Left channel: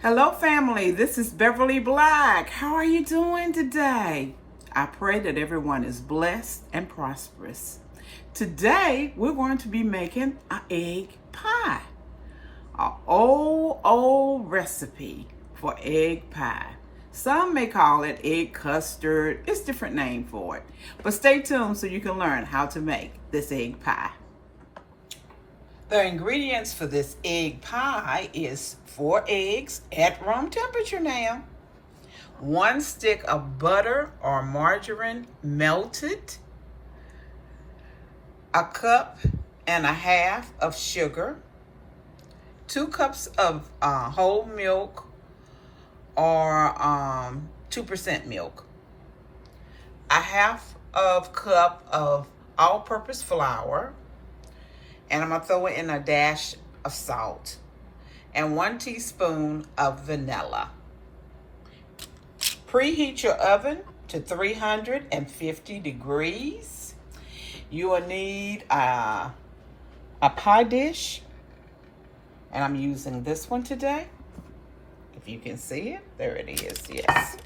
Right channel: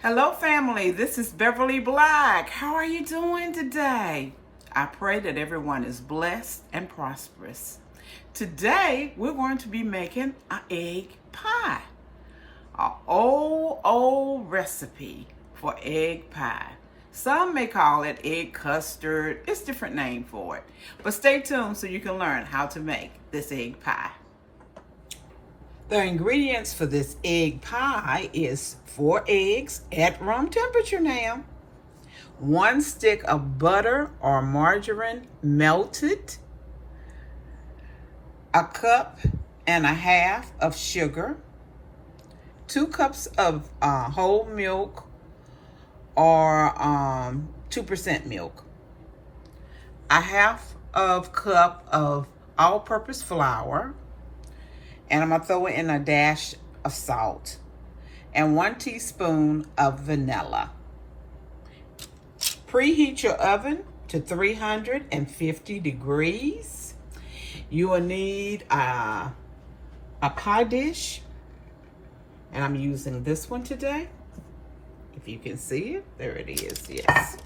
Hello family, this is Beverly Black. How are you doing today? I pray that everyone is blessed and prosperous. Today we're going to be making an egg pie. An old recipe for egg pie. Some may call it egg custard. It's a different name for it. But stay tuned so you can learn how to make this egg pie. The ingredients for this egg pie is 4 eggs at room temperature now, 1 stick of butter or margarine melted, 1.5 cups of sugar, 2 cups of whole milk or 2% milk, 1/2 cup of all-purpose flour, and I'm going to throw in a dash of salt, and 1 teaspoon of vanilla. Preheat your oven to 350 degrees. You will need a pie dish, and I'm using this one today. If you can see it, there it is, yes.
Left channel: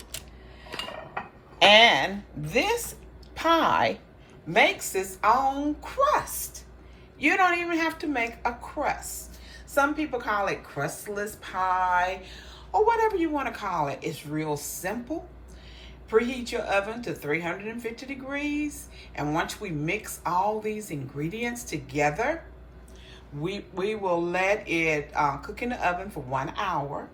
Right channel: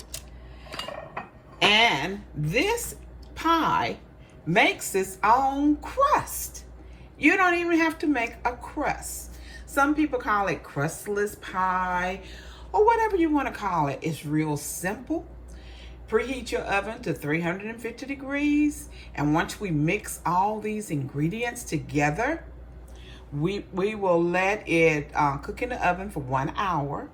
And this pie makes its own crust. You don't even have to make a crust. Some people call it crustless pie or whatever you want to call it. It's real simple. Preheat your oven to 350 degrees. And once we mix all these ingredients together, we will let it cook in the oven for 1 hour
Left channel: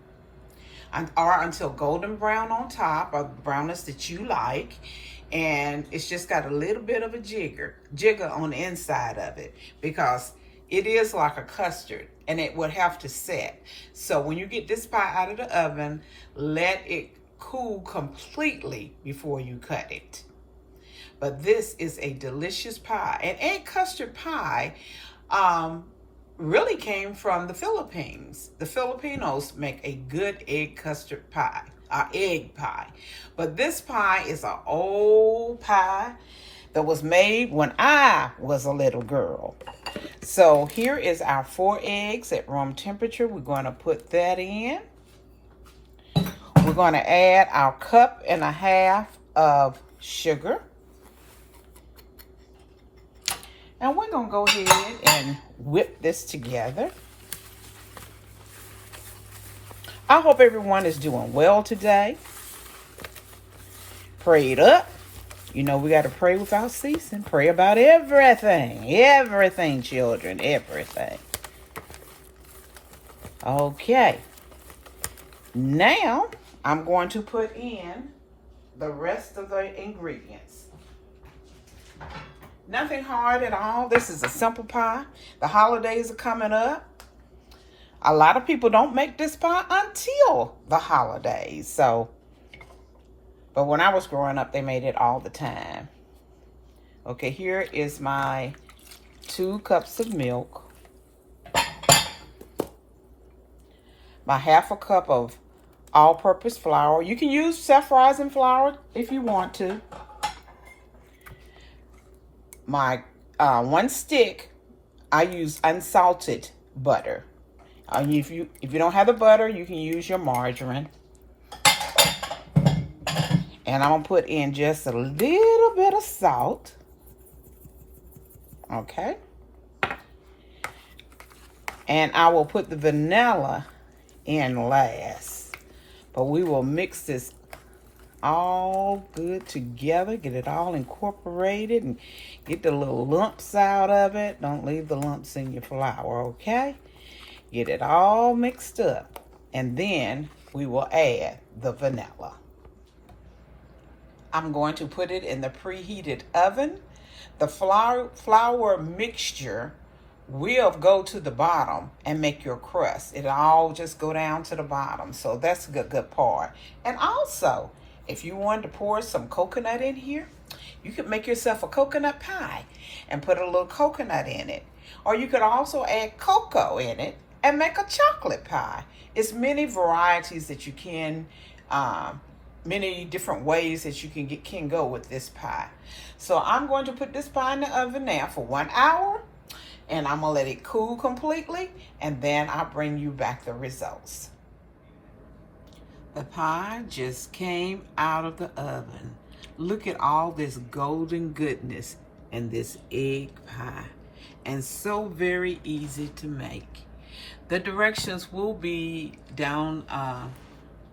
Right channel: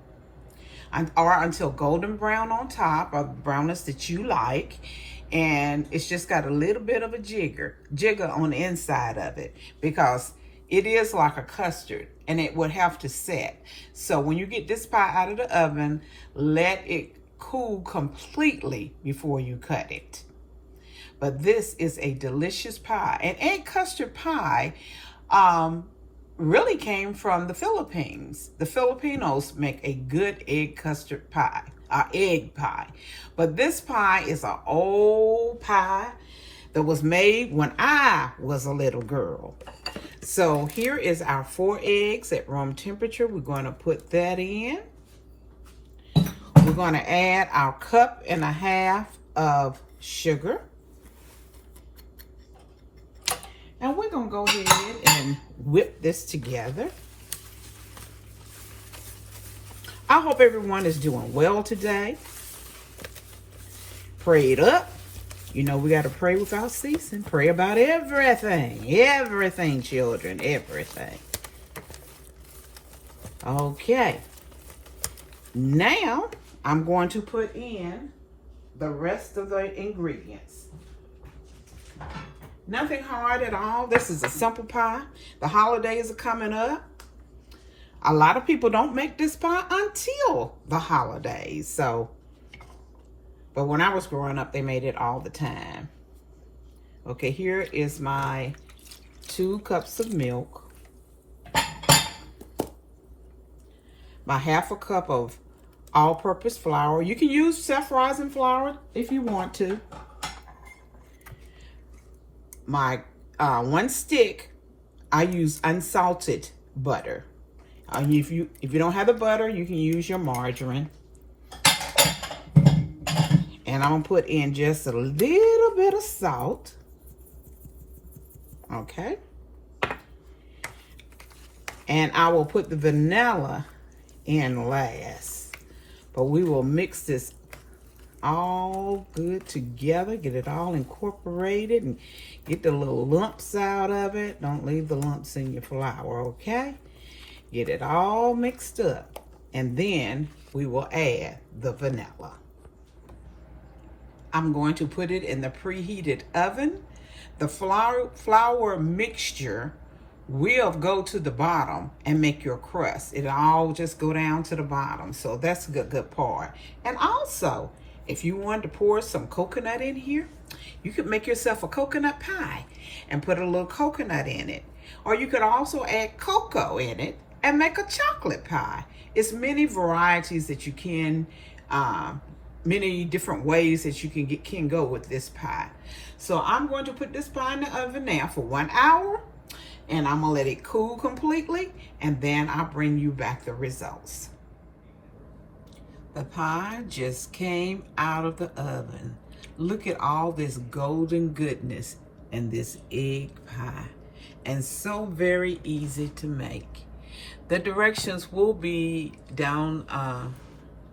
or until golden brown on top, or brownness that you like. And it's just got a little bit of a jigger on the inside of it, because it is like a custard and it would have to set. So when you get this pie out of the oven, let it cool completely before you cut it. But this is a delicious pie. And egg custard pie really came from the Philippines. The Filipinos make a good egg custard pie, egg pie. But this pie is an old pie that was made when I was a little girl. So here is our 4 eggs at room temperature. We're going to put that in. We're going to add our 1.5 cups of sugar. And we're going to go ahead and whip this together. I hope everyone is doing well today. Pray it up. You know we got to pray without ceasing. Pray about everything. Everything, children. Everything. Okay. Now, I'm going to put in the rest of the ingredients. Nothing hard at all. This is a simple pie. The holidays are coming up. A lot of people don't make this pie until the holidays. But when I was growing up, they made it all the time. Okay, here is my 2 cups of milk. My 1/2 cup of all-purpose flour. You can use self-rising flour if you want to. My 1 stick, I use unsalted butter. If you don't have the butter, you can use your margarine. And I'm gonna put in just a little bit of salt. Okay. And I will put the vanilla in last. But we will mix this all good together, get it all incorporated, and get the little lumps out of it. Don't leave the lumps in your flour, okay? Get it all mixed up, and then we will add the vanilla. I'm going to put it in the preheated oven. The flour mixture will go to the bottom and make your crust. It'll all just go down to the bottom, so that's a good part. And also, if you wanted to pour some coconut in here, you could make yourself a coconut pie and put a little coconut in it. Or you could also add cocoa in it and make a chocolate pie. It's many varieties that you can, many different ways that you can go with this pie. So I'm going to put this pie in the oven now for 1 hour, and I'm gonna let it cool completely, and then I'll bring you back the results. The pie just came out of the oven. Look at all this golden goodness in this egg pie. And so very easy to make. The directions will be down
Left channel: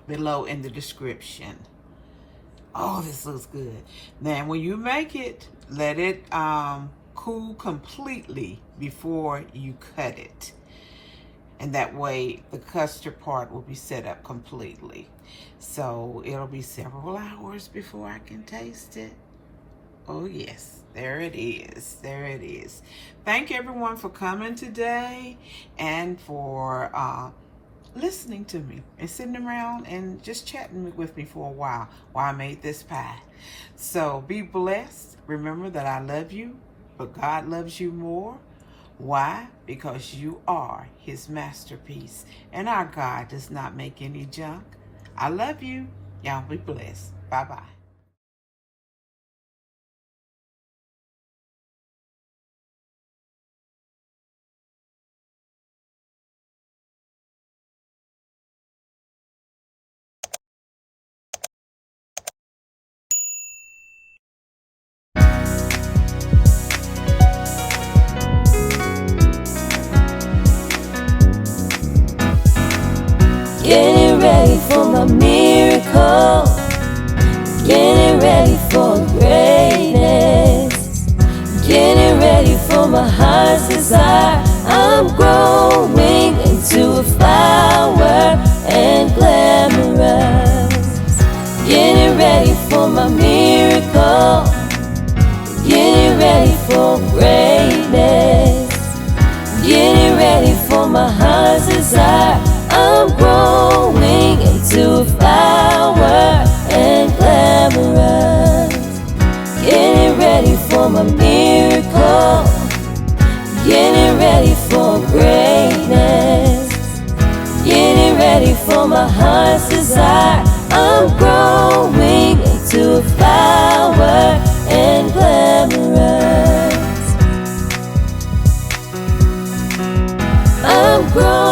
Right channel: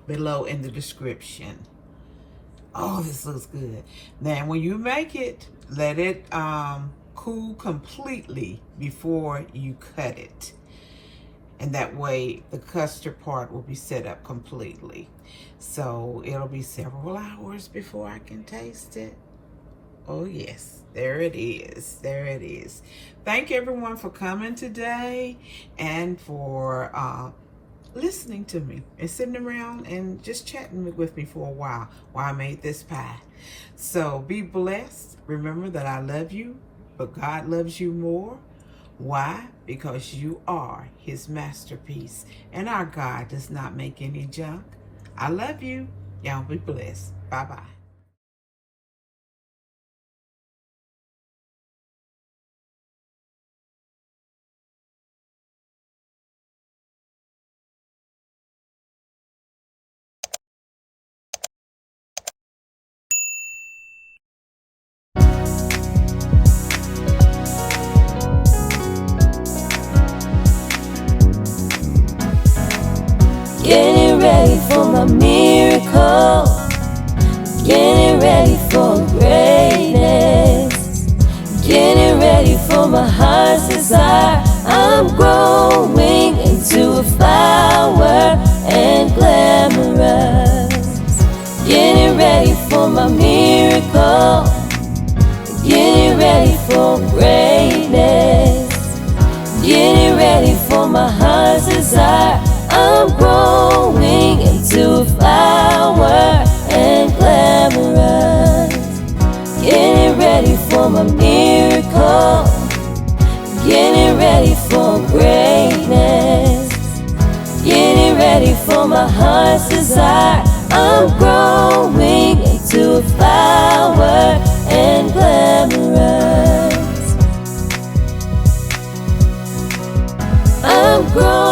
below in the description. Oh, this looks good. Now, when you make it, let it cool completely before you cut it. And that way, the custard part will be set up completely. So, it'll be several hours before I can taste it. Oh, yes. There it is. There it is. Thank everyone for coming today and for listening to me and sitting around and just chatting with me for a while I made this pie. So be blessed. Remember that I love you, but God loves you more. Why? Because you are his masterpiece, and our God does not make any junk. I love you. Y'all be blessed. Bye-bye. Getting ready for my miracle, getting ready for greatness, getting ready for my heart's desire. I'm growing into a flower and glamorous. Getting ready for my miracle, getting ready for greatness, getting ready for my heart's desire. I'm growing into a flower and glamorous. Getting ready for my miracle, getting ready for greatness, getting ready for my heart's desire. I'm growing into a flower and glamorous. I'm growing